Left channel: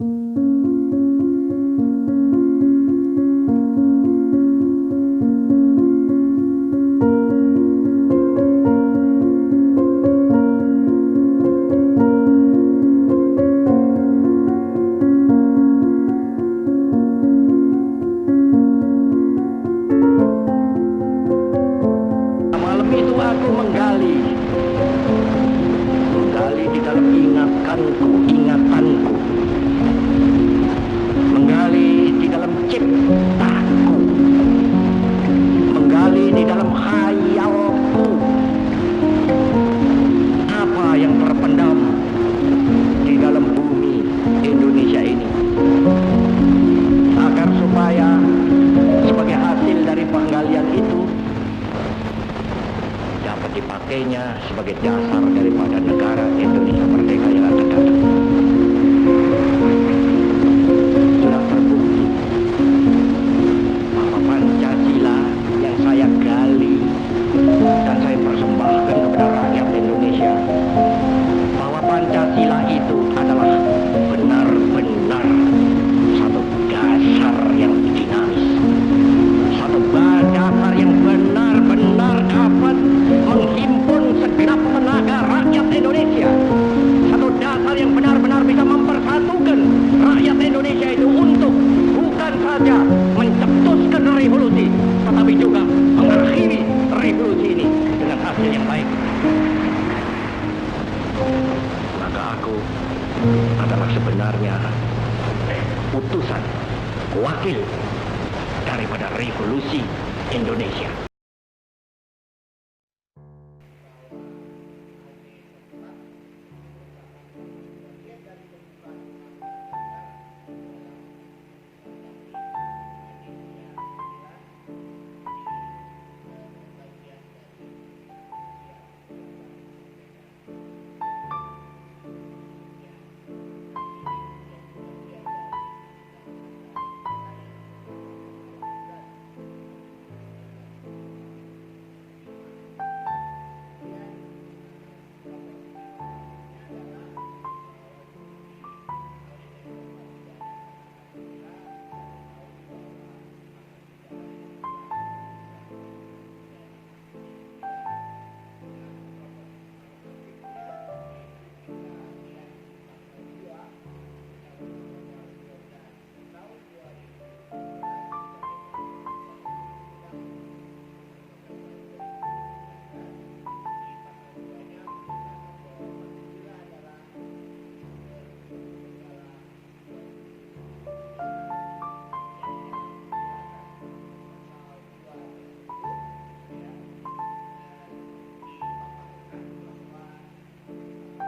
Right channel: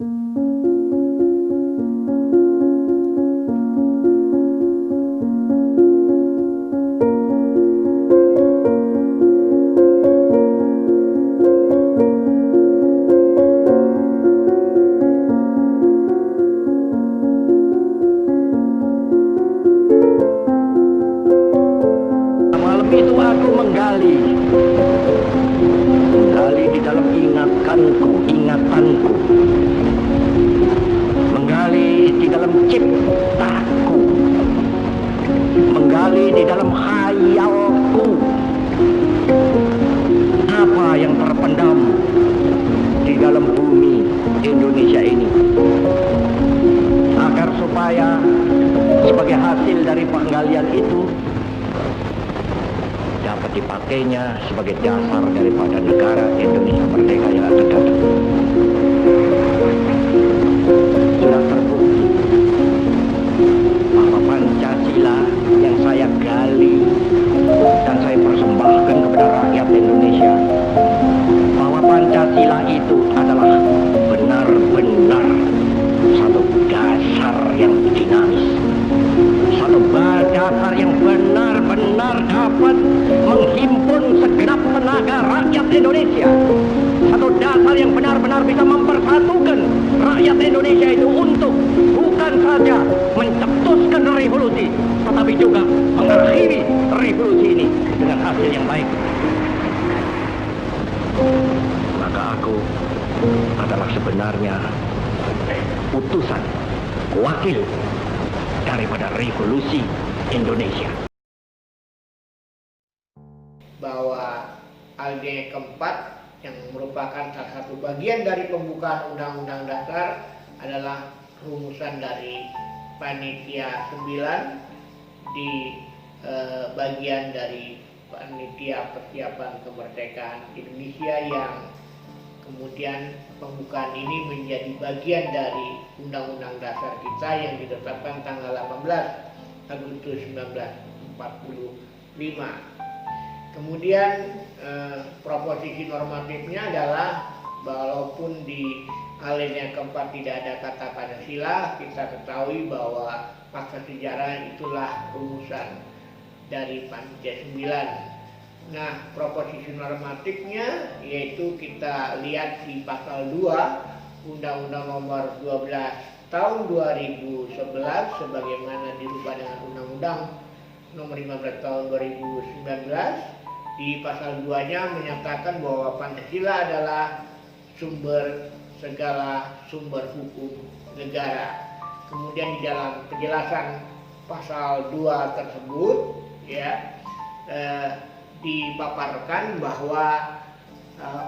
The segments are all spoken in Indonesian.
Malam itu aku menggali di dalam ingatanku, menggali di dalam ciptaku, menggali di dalam khayalku. Apa yang terpendam di dalam bumi Indonesia ini, agar supaya sebagai hasil dari penggalian itu dapat dipakainya sebagai dasar daripada negara Indonesia merdeka yang akan datang. Sudah terbukti bahwa Pancasila yang saya gali dan saya persembahkan kepada rakyat Indonesia, bahwa Pancasila itu adalah benar-benar satu dasar yang dinamis, satu dasar yang benar-benar dapat menghimpun segenap tenaga rakyat Indonesia, satu dasar yang benar-benar bisa mempersatukan rakyat Indonesia itu untuk bukan saja mencetuskan revolusi, tetapi juga mengakhiri revolusi ini dengan hasil yang baik. Maka aku adalah sebenarnya utusan, wakil daripada revolusi Indonesia. Bahwa agenda keempat yang merupakan salah satu bagian dari pembukaan Undang-Undang Dasar adalah rumusan dari Panitia 9 di bagian dari Panitia Persiapan Kemerdekaan Indonesia, yang kemudian pembukaan ini menjadi bagian dari Undang-Undang Dasar kita yang ditetapkan tanggal 18 Agustus 1945. Kemudian proposisi normatifnya adalah walaupun di alinea keempat tidak ada kata Pancasila, kita ketahui bahwa fakta sejarah itulah rumusan dari Pancasila 9. Nah, proposisi normatifnya yaitu kita lihat di pasal 2 Undang-Undang Nomor 12 Tahun 2011 sebagaimana dirubah dengan Undang-Undang Nomor 15 Tahun 2019. Di pasal 2-nya menyatakan bahwa Pancasila adalah sumber segala sumber hukum negara. Kemudian di dalam penjelasan pasal 2 tersebut ya dipaparkan bahwa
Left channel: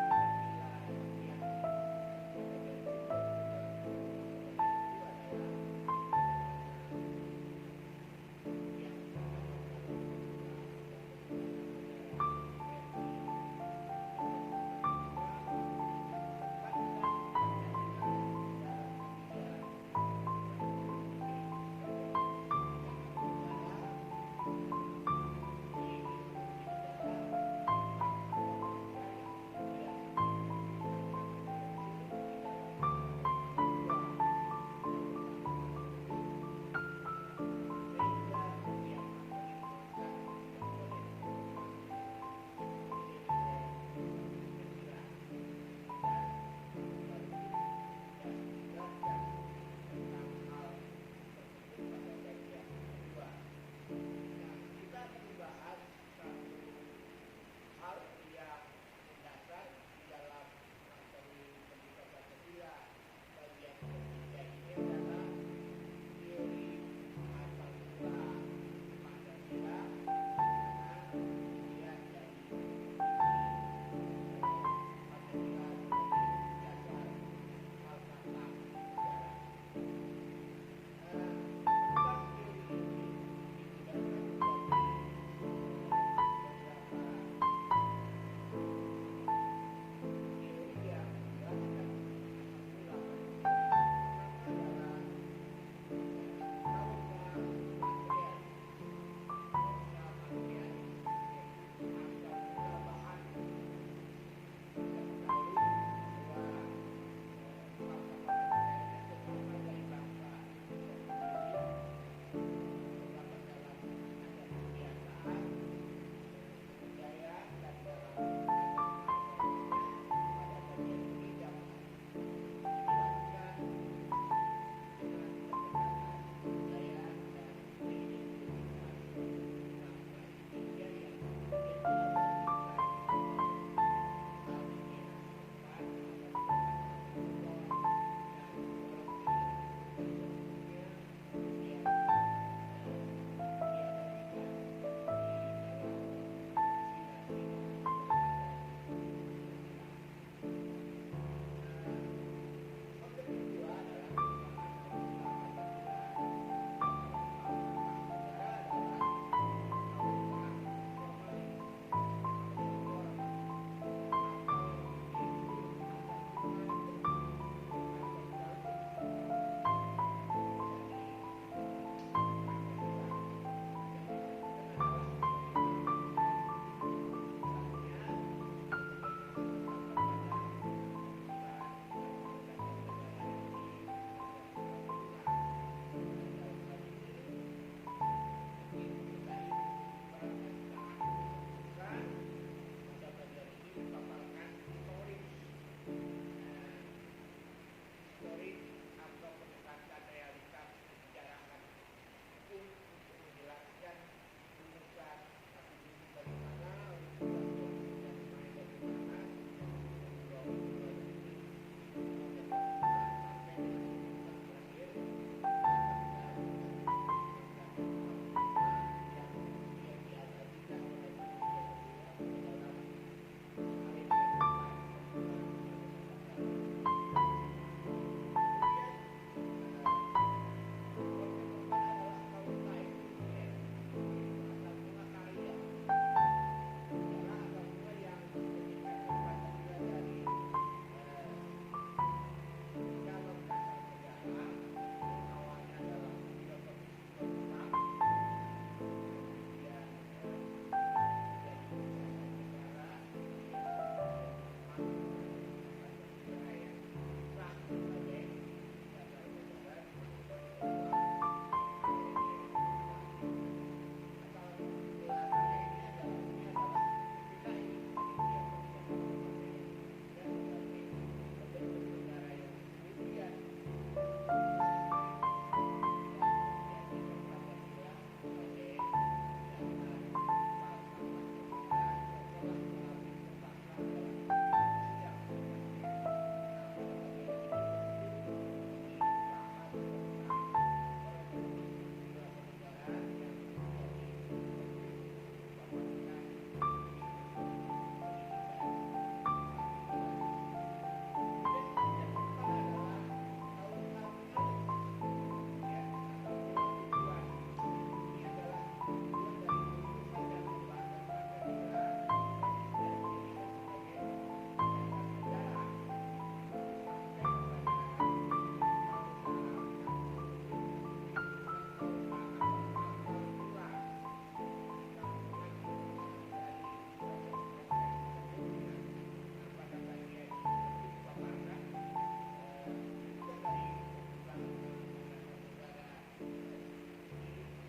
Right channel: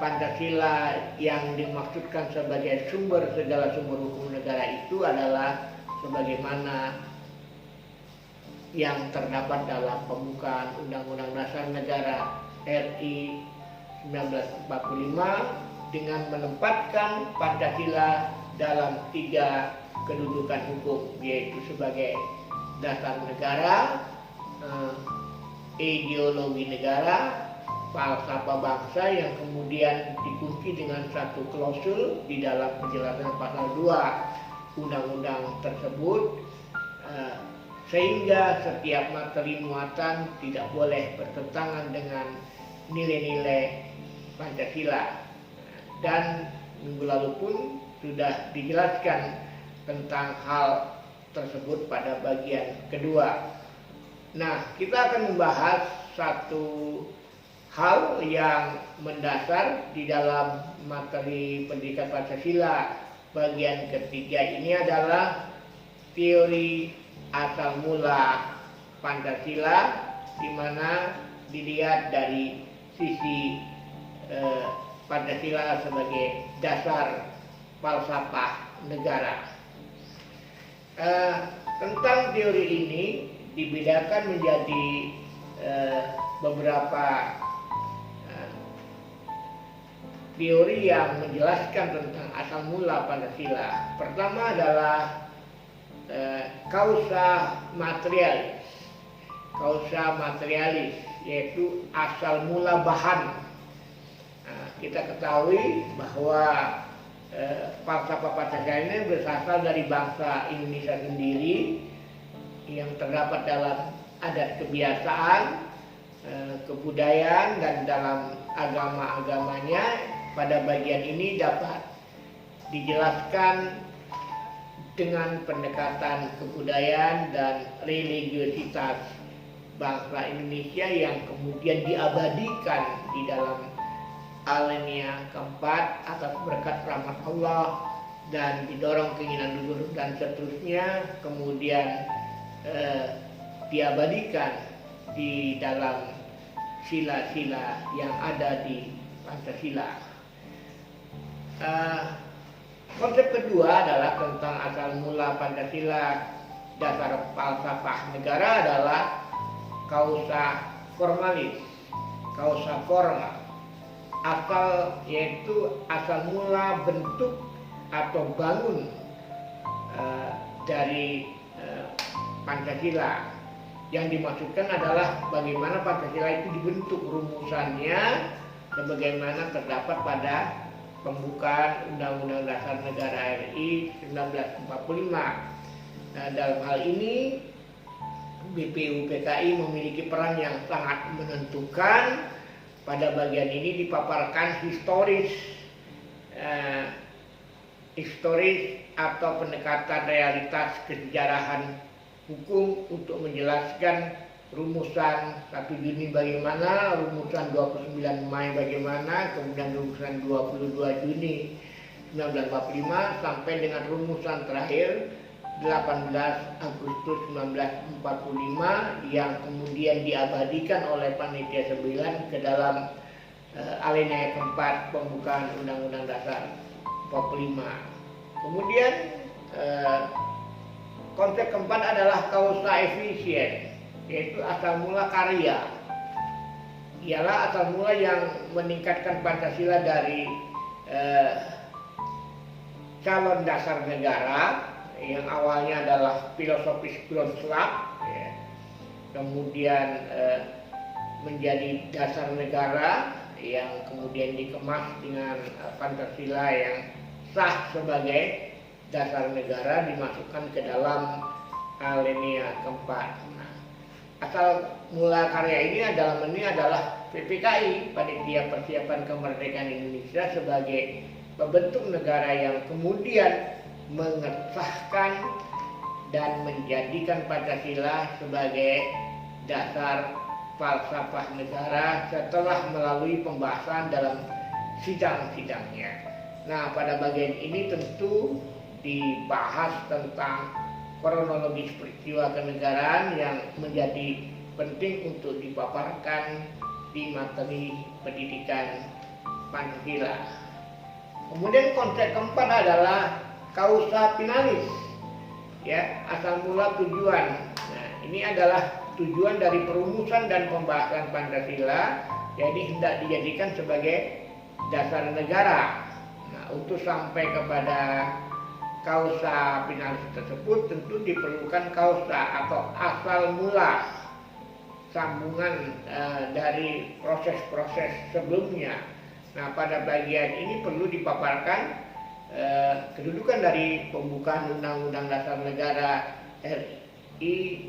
Pancasila yang dimaksudkan sebagai sumber segala sumber hukum negara itu adalah sebagaimana yang terdapat dalam pembukaan Undang-Undang Dasar Negara RI 1945 dengan menempatkan Pancasila dalam 3 kedudukan hukum, yaitu sebagai dasar negara, ideologi negara, falsafah bangsa, yang kemudian dikunci dengan satu klausul di dalam penjelasan pasal 2 undang-undang tersebut, sehingga setiap materi muatan tidak boleh bertentangan dengan nilai-nilai Pancasila. Dan minggu lalu pun sudah dijelaskan tentang hal tersebut pada bagian kedua. Nah, kita akan membahas satu hal yang mendasar di dalam materi pendidikan Pancasila bagian ketiga ini adalah teori asal mula Pancasila, di mana dilihat dari sisi Pancasila sebagai dasar falsafah negara. Tentang teori ini dibedakan menjadi beberapa teori yang menjelaskan tentang asal mula Pancasila. Pertama adalah kausa materialis, yaitu asal mula bahan. Kita ketahui bahwa falsafah Pancasila ini berasal dari bangsa Indonesia sendiri yang terdapat dalam adat kebiasaan, kebudayaan, dan dalam agama-agamanya. Pada bagian ini dapat dijelaskan dengan pendekatan kebudayaan dan religiositas bangsa Indonesia yang kemudian diabadikan di dalam alinea keempat atas berkat rahmat Allah dan didorong keinginan luhur dan seterusnya, kemudian diabadikan di dalam sila-sila yang ada di Pancasila. Konsep kedua adalah tentang asal mula Pancasila. Dasar falsafah negara adalah causa formalis, causa formal. Asal yaitu asal mula bentuk atau bangun dari Pancasila. Yang dimaksudkan adalah bagaimana Pancasila itu dibentuk, rumusannya sebagaimana terdapat pada pembukaan Undang-Undang Dasar Negara RI 1945. Nah, dalam hal ini BPUPKI memiliki peran yang sangat menentukan. Pada bagian ini dipaparkan historis atau pendekatan realitas kesejarahan hukum untuk menjelaskan rumusan 1 Juni bagaimana, rumusan 29 Mei bagaimana, kemudian rumusan 22 Juni 1945 sampai dengan rumusan terakhir 18 Agustus 1945 yang kemudian diabadikan oleh Panitia 9 ke dalam alinea keempat pembukaan Undang-Undang Dasar 45. Kemudian konsep keempat adalah causa efisien, yaitu asal mula karya. Ialah asal mula yang meningkatkan Pancasila dari calon dasar negara yang awalnya adalah filosofis Grundslag, ya, kemudian menjadi dasar negara yang kemudian dikemas dengan Pancasila yang sah sebagai dasar negara, dimasukkan ke dalam alinea keempat. Nah, asal mula karya ini adalah PPKI, Panitia Persiapan Kemerdekaan Indonesia, sebagai pembentuk negara yang kemudian mengesahkan dan menjadikan Pancasila sebagai dasar falsafah negara setelah melalui pembahasan dalam sidang-sidangnya. Nah, pada bagian ini tentu dibahas tentang kronologis peristiwa kenegaraan yang menjadi penting untuk dipaparkan di materi pendidikan Pancasila. Kemudian konsep keempat adalah causa finalis, ya, asal mula tujuan. Nah, ini adalah tujuan dari perumusan dan pembahasan Pancasila, jadi hendak dijadikan sebagai dasar negara. Nah, untuk sampai kepada causa finalis tersebut tentu diperlukan causa atau asal mula, sambungan dari proses-proses sebelumnya. Nah, pada bagian ini perlu dipaparkan kedudukan dari pembukaan Undang-Undang Dasar Negara RI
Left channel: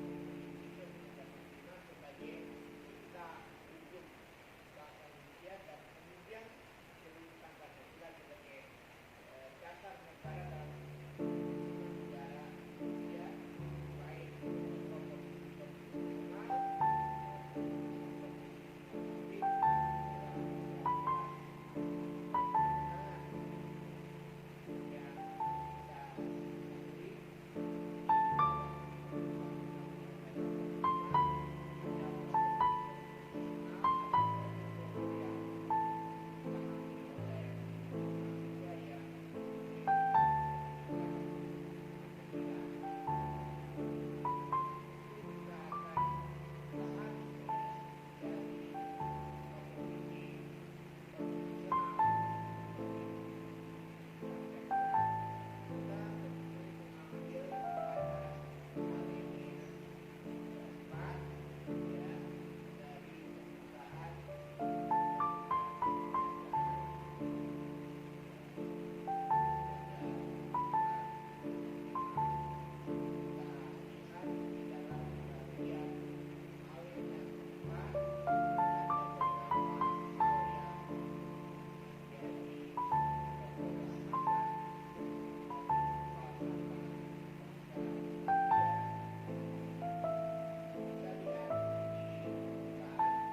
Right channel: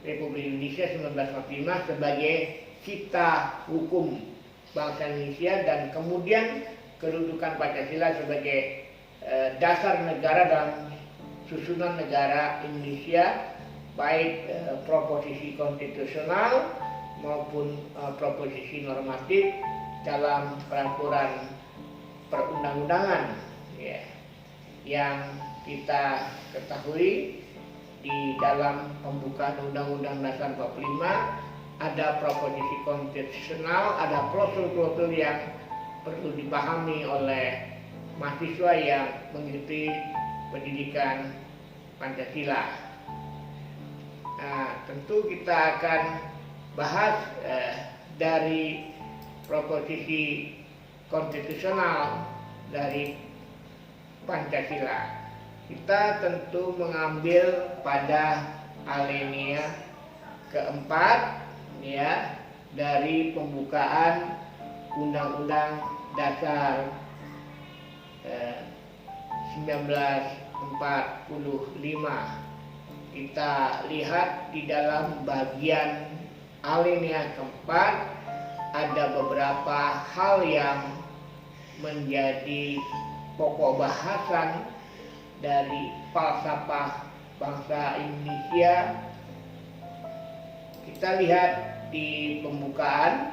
Republik Indonesia 1945 sebagai cipta hukum bangsa Indonesia, dan kemudian kedudukan Pancasila sebagai dasar negara dalam susunan negara Indonesia, baik proposisi konstitusional maupun proposisi normatif dalam peraturan perundang-undangan, ya, yang kita ketahui di dalam pembukaan Undang-Undang Dasar 45 ada proposisi konstitusional, ada klausul-klausul yang perlu dipahami oleh mahasiswa yang mengikuti pendidikan Pancasila. Nah, tentu kita akan bahas dari proposisi konstitusional dari Pancasila. Kita tentu mengambil pada alinea keempat, ya, dari pembukaan Undang-Undang Dasar Kita lihat di dalam bagian alinea keempat ada beberapa hal yang menjadi pokok bahasan dari falsafah bangsa Indonesia. Kita lihat di pembukaan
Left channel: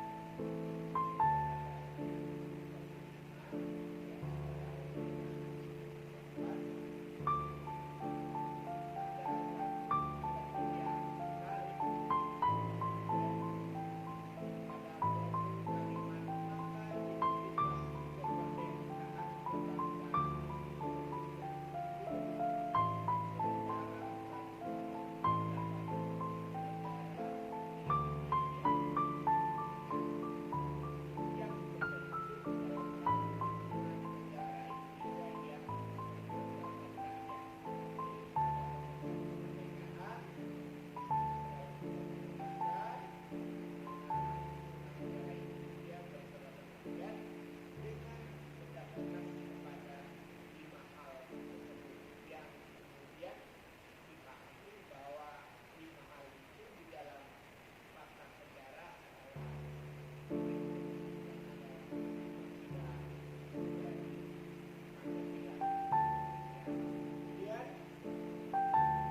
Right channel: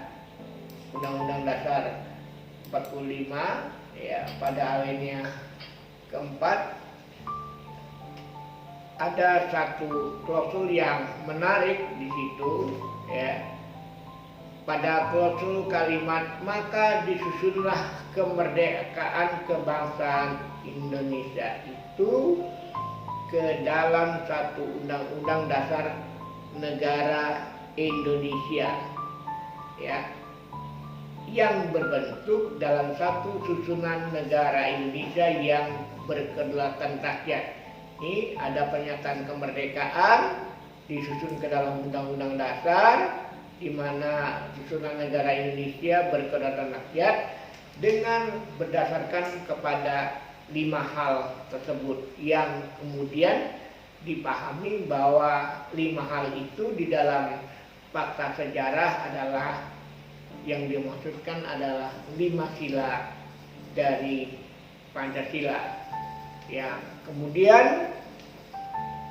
Undang-Undang Dasar 45 ya, pada alinea keempat ada satu klausul yang menarik di situ ya. Pada klausul kalimat maka disusunlah kemerdekaan kebangsaan Indonesia itu ke dalam satu undang-undang dasar negara Indonesia ya, yang berbentuk dalam satu susunan negara Indonesia yang berkedaulatan rakyat. Ini ada pernyataan kemerdekaan disusun ke dalam undang-undang dasar, di mana susunan negara Indonesia berkedaulatan rakyat dengan berdasarkan kepada 5 hal tersebut, yang kemudian dipahami bahwa 5 hal itu di dalam fakta sejarah adalah yang dimaksudkan adalah 5 sila dari Pancasila. Ya, kemudian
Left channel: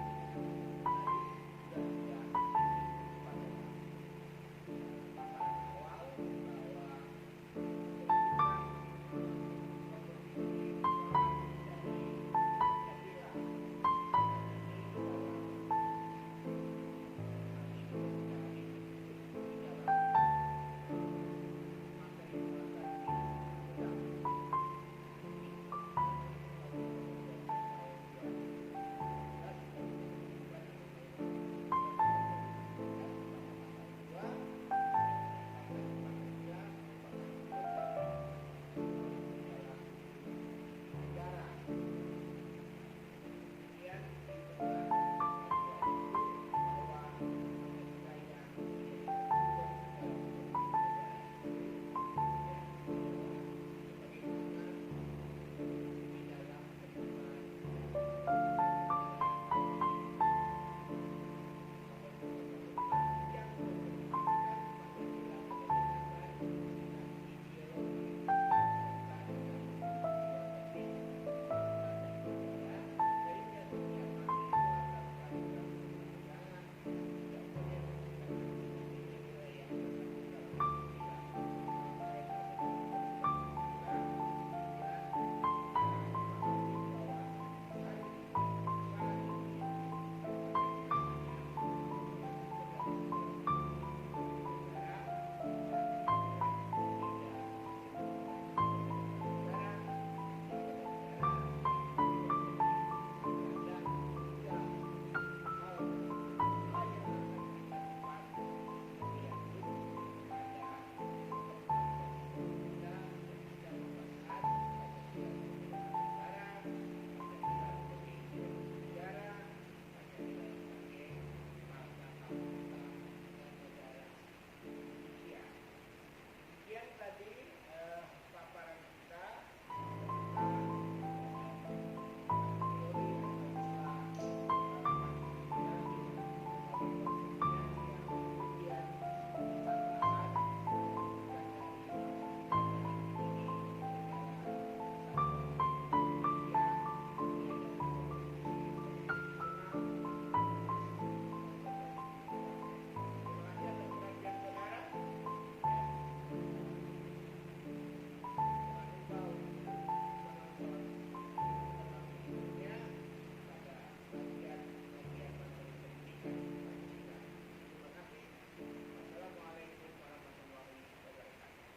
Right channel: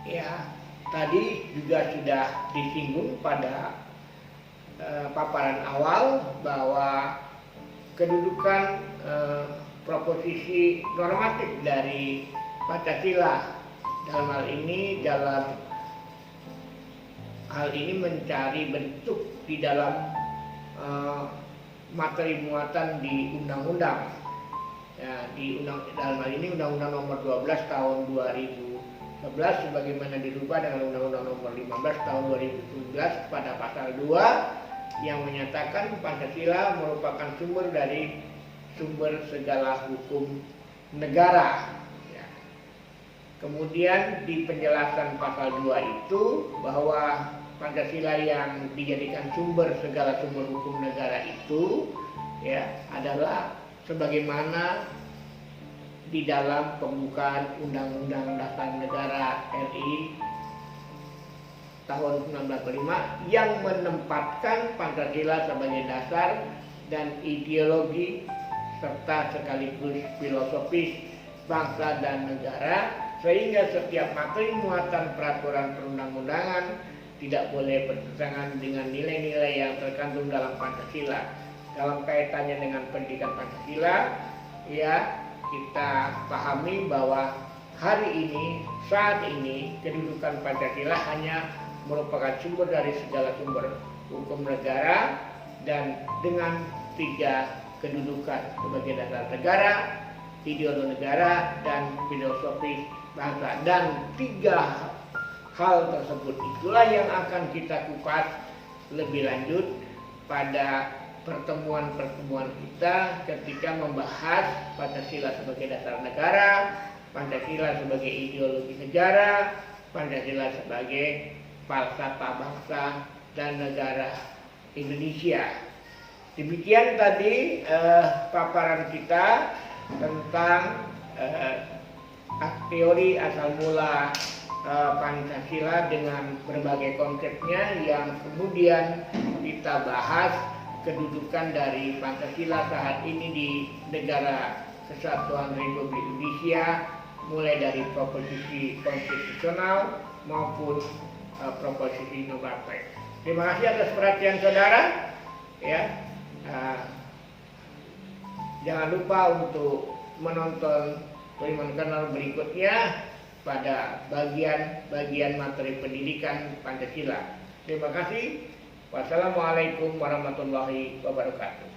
ya tadi juga sudah disinggung pada paparan awal bahwa kedudukan proposisi normatif dari Pancasila dalam hal ini mencari bentuk di dalam materi muatan di undang-undang. Ya, dalam hal ini Undang-Undang Nomor 12 Tahun 2011 sebagaimana dirubah dengan Undang-Undang Nomor 15 Tahun 2017 pada pasal 2 yang menyatakan Pancasila merupakan sumber segala hukum negara. Ya. Kemudian di penjelasan pasal 2 itu bahwa Pancasila yang dijadikan segala sumber hukum negara itu ya adalah sebagaimana di dalam pembukaan Undang-Undang Dasar Negara RI tahun 1945 yang menempatkan Pancasila sebagai dasar dan ideologi serta sekaligus filosofis bangsa dan negara, sehingga setiap materi muatan peraturan perundang-undangan tidak boleh bertentangan dengan nilai-nilai yang terkandung dalam Pancasila. Dalam kaitannya dengan pendidikan Pancasila, ya kita pahami bahwa saat ini kedudukan Pancasila hanya merupakan sumber dari segala sumber hukum negara dan dengan 3 kedudukan sebagai dasar negara, ideologi negara, dan filosofi bangsa. Dan 3 hal tersebut itulah yang akan kita kupas lebih lanjut pada pertemuan-pertemuan kita ketika membahas Pancasila sebagai dasar negara, Pancasila sebagai ideologi negara, Pancasila sebagai falsafah bangsa dan negara Indonesia. Demikian tadi paparan kita tentang teori asal mula Pancasila dengan berbagai konsepnya yang kemudian kita bahas kedudukan dari Pancasila saat ini di Negara Kesatuan Republik Indonesia, mulai dari proposisi konstitusional maupun proposisi normatif. Terima kasih atas perhatian saudara. Ya, jangan lupa untuk menonton Tuliman Kanal berikutnya pada bagian materi pendidikan Pancasila. Terima kasih. Wassalamualaikum warahmatullahi wabarakatuh.